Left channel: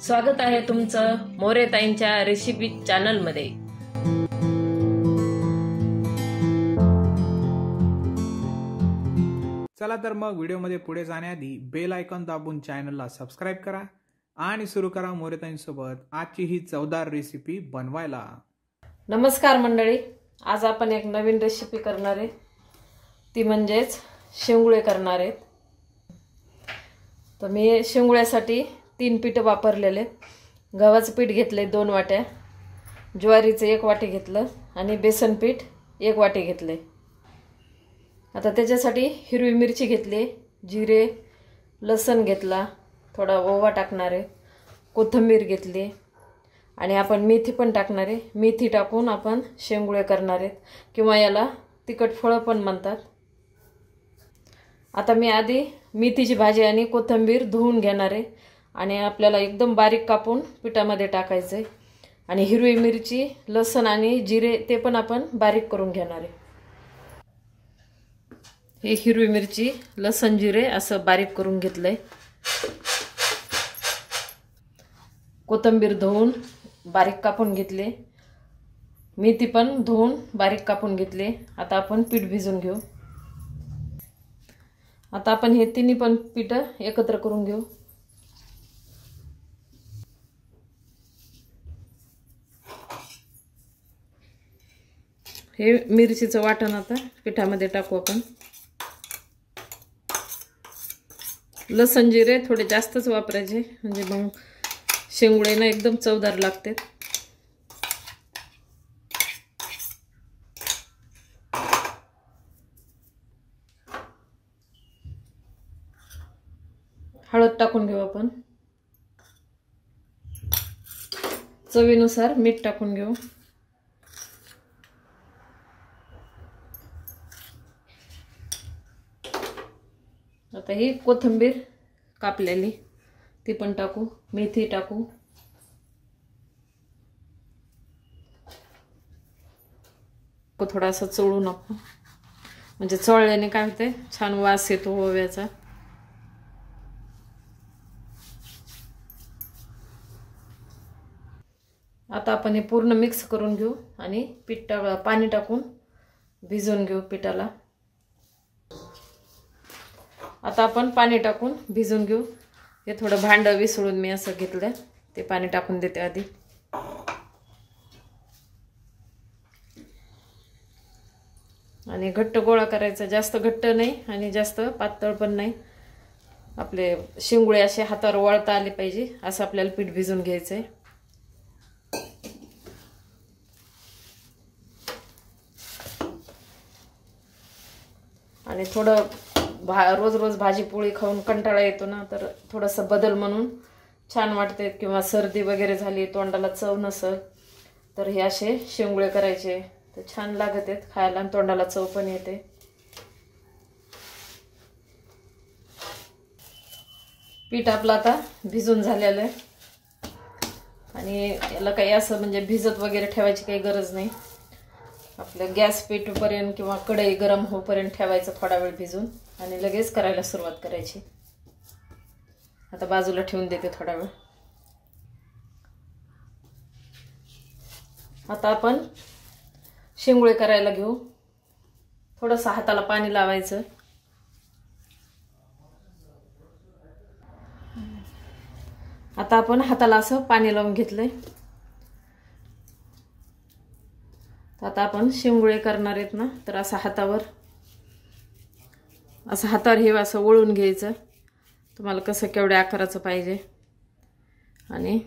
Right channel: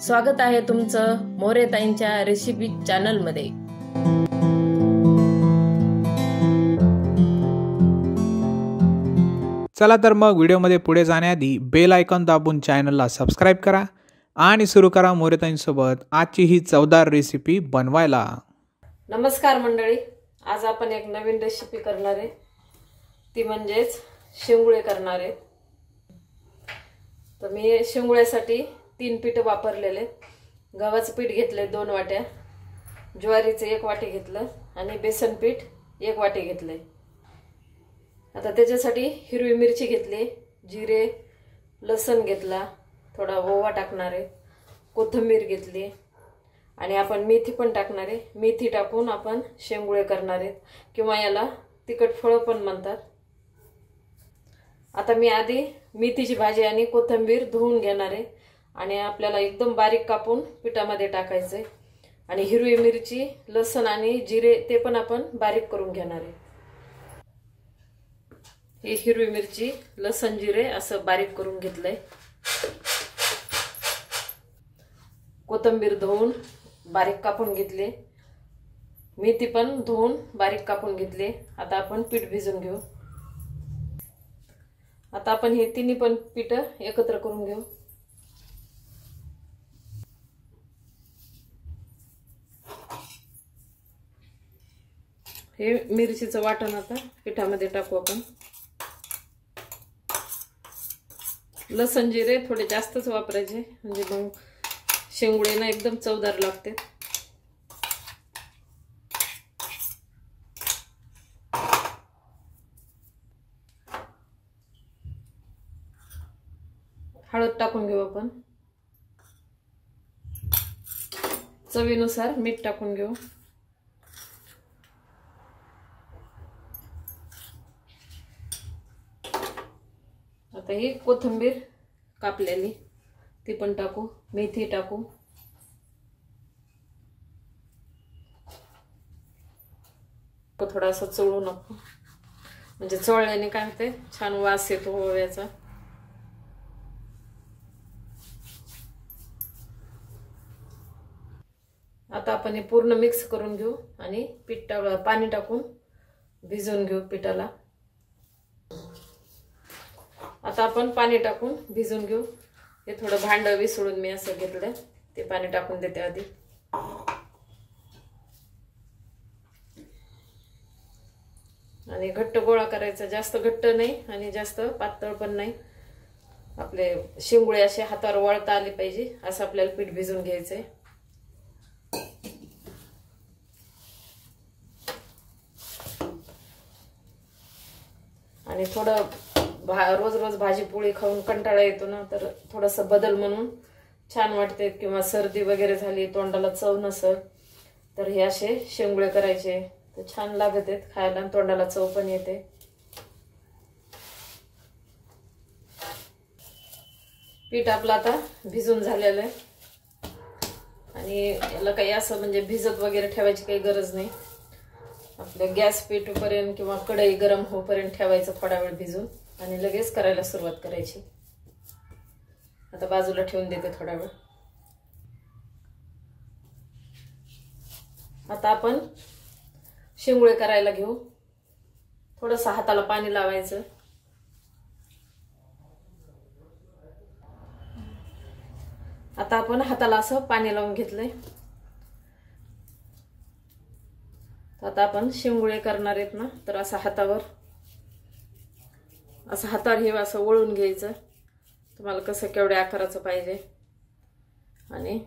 स्वागत आहे तुमचं मोरेताईंच्या रेसिपी चॅनल मध्ये। चला तर मग व्हिडिओमध्ये पुढे जाण्याआधी बेल आयकॉन दाबून चॅनलला सबस्क्राइब करा आणि सुरू करा मोरेताईंसोबत आजची ही चवदार रेसिपी बनवायला। नमस्कार मंडळी, आज आपण एक नवीन रेसिपी करणार आहे, ती म्हणजेच शेंगुळे करणार आहे। तर मी शेंगुळ्यासाठी 3 पीठ वापरलेले। गव्हाचं पीठ घेतले 2 वाट्या, ज्वारीचं 1 वाटी घेतलं आणि बेसन पीठ 1 वाटी घेतले। आता त्याच्यासाठी हिरवी मिरची घेतली, जिरे, लसूण घेतला, थोडा ओवा टाकणार आहे, कोथिंबीर घेतली आणि आपण मेथी पण टाकणार आहे। मेथी टाकून आपण शेंगुळे करणार आहेत किंवा याला तिखट फळं पण म्हणतात। आता मी आधी मेथीची भाजी आणि कोथिंबीर धुवून घेणार आहे आणि आपल्याला एकदम बारीक कापून पिठामध्ये टाकायचे आणि हिरवी मिरची, लसूण आणि जिरे ते पण आपण बारीक करून घेणार आहे। हे हिरवी मिरची, लसूण, जिरे असं बारीक करून घेतलंय। कोथिंबीर धुवून बारीक कापून घेतले, मेथी पण धुवून बारीक कापून घेतले। आता आपण पीठ भिजवून घेऊ। आता आपण हे तिन्ही पण पीठ एकत्र करून घेऊ। हे मिरचीचं वाटण आता पिठामध्ये टाकू आपण। लसूण जिरे थोडे जास्तच वापरायचे, म्हणजे मग शेंगुळे ना एकदम चवदार लागते। हळद टाकून घेऊ आपण, चवीनुसार मीठ टाकून घेऊ। आता ही कोथिंबीर कापलेली ती पण टाकू, मेथी टाकू, थोडासा चोळू नको, म्हणजे चोळल्याने काय होते, छान वास येतो ओव्याचा। आता आपण हे पूर्ण मिक्स करून घेऊ आणि पाणी टाकून भिजवून घेऊ पिठाला। आता आपण पाणी टाकून भिजवून घेऊ। हे थोडं भांड विसळून मी असं घेतलं, ते पाणी टाकून देते आधी। आणि घट्ट गोळा करायचा, जास्त घट्ट नाही आणि जास्त पातळ पण नाही। आपले शेंगुळे असे हातावर वळता आले पाहिजे असं आपल्याला पीठ भिजवून घ्यायचंय। आणि थोडं रोज रोज भाजी पोळी खाऊन कंटाळा येतो ना, तर थोडासा बदल म्हणून छान वाटते। किंवा सर्दी वगैरे झाली, तोंडाला चव नसेल, तर हे असे शेंगुळे करायचे तर छान लागत आहेत खायला आणि तोंडाला चव पण येते। पीठ आपलं आता भिजून झालेलं आहे आणि याला काही असं म्हणजे भिजत वगैरे ठेवायची काही गरज नाही। आपलं गॅस पेटूपर्यंत किंवा कढई गरम होईपर्यंत ठेवायचं थोडा वेळ भिजून आणि लगेच करायला सुरुवात करायची। आता बाजूला ठेवून देते थोडा वेळ। आता आपण शेंगुळे करायला घेऊ। थोडंसं हाताला पाणी लावायचं। आता आपण हाताला असं पाणी लावून घेतलंय। आता आपण शेंगुळे करणार आहेत ना, तर असं हातावर हे असं वळून घ्यायचं। तुम्हाला कसं केवढ्या आकाराचं पाहिजे आणि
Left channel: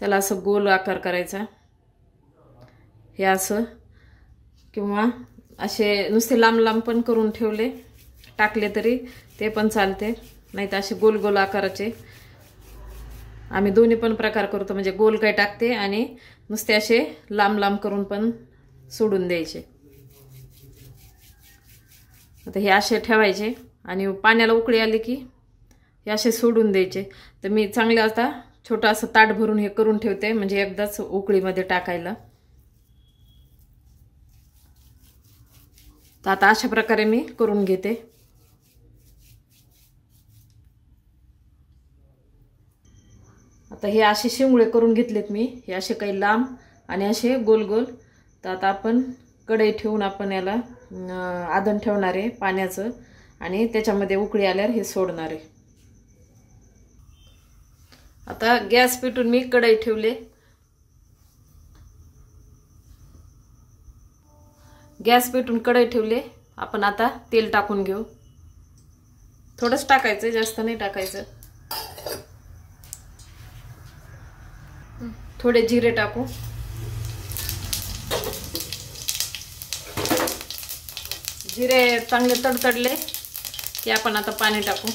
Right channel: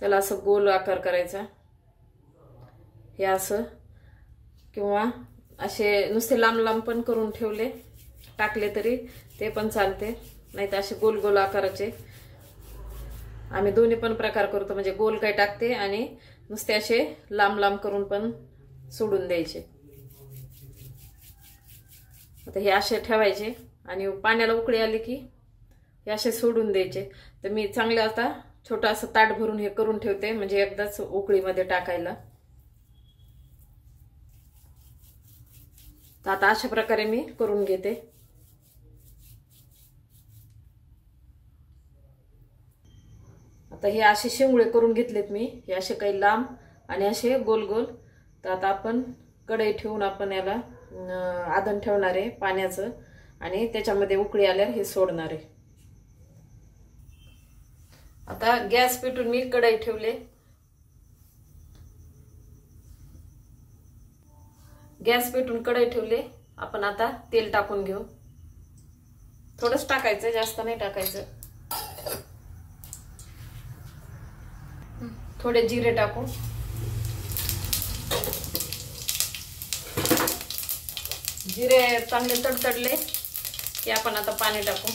त्याला असं गोल आकार करायचा। हे असं किंवा असे नुसते लांब लांब पण करून टाकले तरी ते पण चालते, नाही तर असे गोल गोल आकाराचे। आम्ही दोन्ही पण प्रकार करतो, म्हणजे गोल काय टाकते आणि नुसते असे लांब लांब करून पण सोडून द्यायचे। आता हे असे ठेवायचे आणि पाण्याला उकळी आली की हे असे सोडून द्यायचे। तर मी चांगले आता छोटा असं ताट भरून हे करून ठेवते, म्हणजे एकदाच उकळीमध्ये टाकायला। तर आता अशा प्रकारे मी करून घेते। आता हे असे शेंगुळे करून घेतलेत मी, हे असे काही लांब आणि असे गोल गोल. तर आता आपण कढई ठेवून आपण याला आदन ठेवणार आहे पाण्याचं आणि त्याच्यामध्ये उकळी आल्यावर हे सोडणार आहे. आता गॅस पेटून मी कढई ठेवले. गॅस पेटून कढई ठेवले. आपण आता तेल टाकून घेऊ. थोडंच टाकायचं, जास्त नाही टाकायचं. थोडे जिरे टाकू. जिरे चांगले तडतडले की आपण आता पाणी टाकू.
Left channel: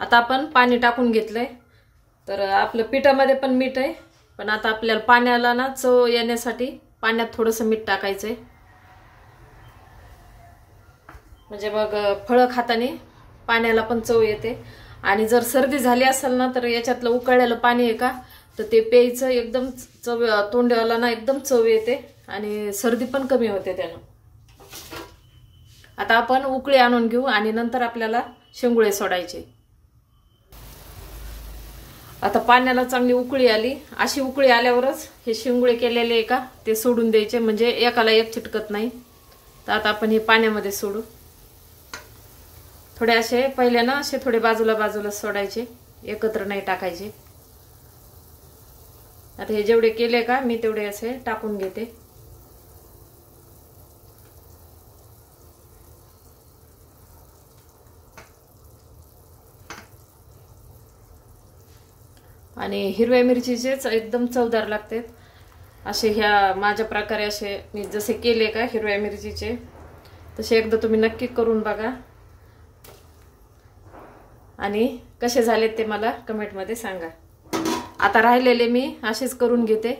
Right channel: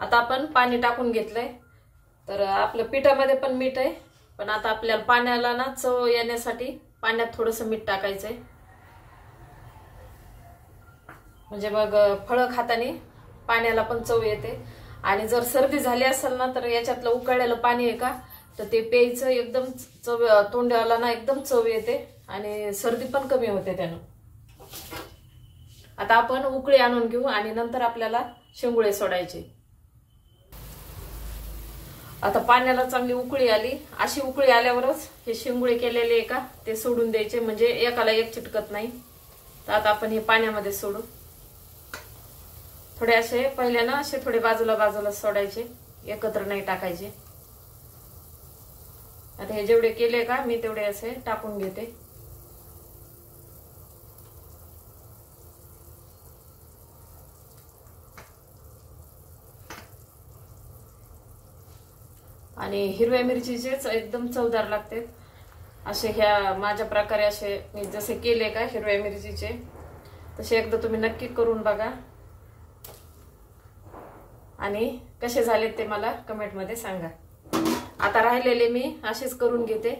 आता आपण पाणी टाकून घेतलंय. तर आपल्या पिठामध्ये पण मीठ आहे, पण आता आपल्याला पाण्याला ना चव येण्यासाठी पाण्यात थोडंसं मीठ टाकायचंय. म्हणजे मग फळं खाताना पाण्याला पण चव येते. आणि जर सर्दी झाली असेल ना तर याच्यातलं उकळलेलं पाणी आहे का तर ते प्यायचं, एकदम चव तोंडाला ना एकदम चव येते आणि सर्दी पण कमी होते त्यानं. आता आपण उकळी आणून घेऊ आणि नंतर आपल्याला शेंगुळे सोडायचे. आता पाण्याला चांगली उकळी आली. अशी उकळी आल्यावरच हे शेंगुळे केलेले आहे का ते सोडून द्यायचे, म्हणजे एकाला एक चिटकत नाही. तर आता आपण हे पाण्यामध्ये सोडू. थोडे असे पहिले ना असे थोडे बाजूला बाजूला सोडायचे, एकत्र नाही टाकायचे. आता हे जेवढे केले का मी तेवढे असे टाकून घेते. आणि हिरव्या मिरचीचेच एकदम चवदार लागतात. असे ह्या माझ्या प्रकारे असे मी जसे केले का हिरव्या मिरचीचे तसे एकदा तुम्ही नक्की करून बघा आणि कसे झालेत ते मला कमेंटमध्ये सांगा. आता राहिलेले मी असेच करून घेते.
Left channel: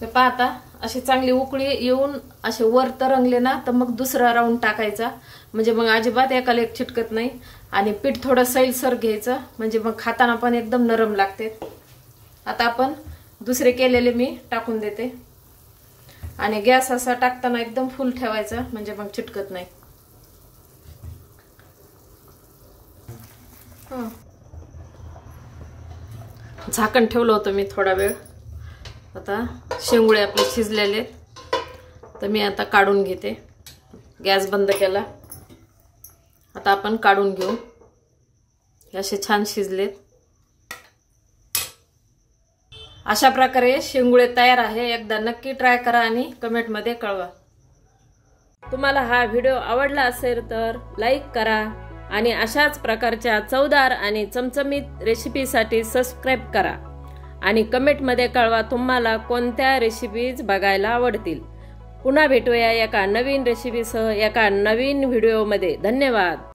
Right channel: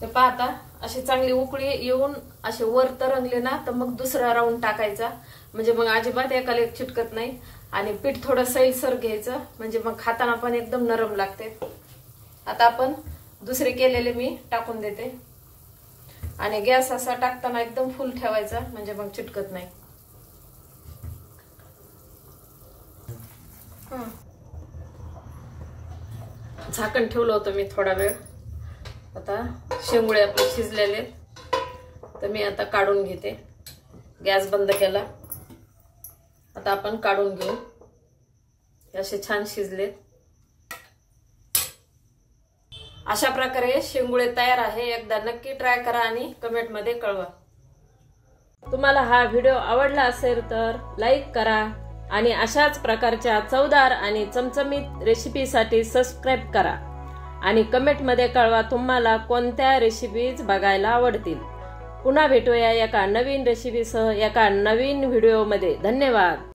ते पाहता अशी चांगली उकळी येऊन असे वर तरंगले ना तर मग दुसरा राऊंड टाकायचा, म्हणजे मग अजिबात एकाला एक चिटकत नाही. आणि पीठ थोडं सैलसर घ्यायचं, म्हणजे मग खाताना पण एकदम नरम लागते. आता आपण दुसरे केलेले मी टाकून देते आणि गॅस असा टाकताना एकदम फुल ठेवायचा, म्हणजे मग चिटकत नाही. झाकण ठेवलं होतं मी थोडा वेळ. आता शेंगुळे आपले शिजलेले, तर मी आता काढून घेते. गॅस बंद केला. आता आपण काढून घेऊ. हे असे छान शिजलेत. अशा प्रकारे शेंगुळे तयार आहे. एकदा नक्की ट्राय करा आणि कमेंटमध्ये कळवा. तुम्हाला हा व्हिडिओ आवडला असेल तर लाईक करा आणि अशाच प्रकारच्या चवदार आणि चमचमीत रेसिपीसाठी सबस्क्राईब करा आणि कमेंटमध्ये कळवा तुम्हाला कोणत्या रेसिपीज बघायला आवडतील. पुन्हा भेटूया एका नवीन रेसिपीसह एका नवीन व्हिडिओमध्ये. धन्यवाद.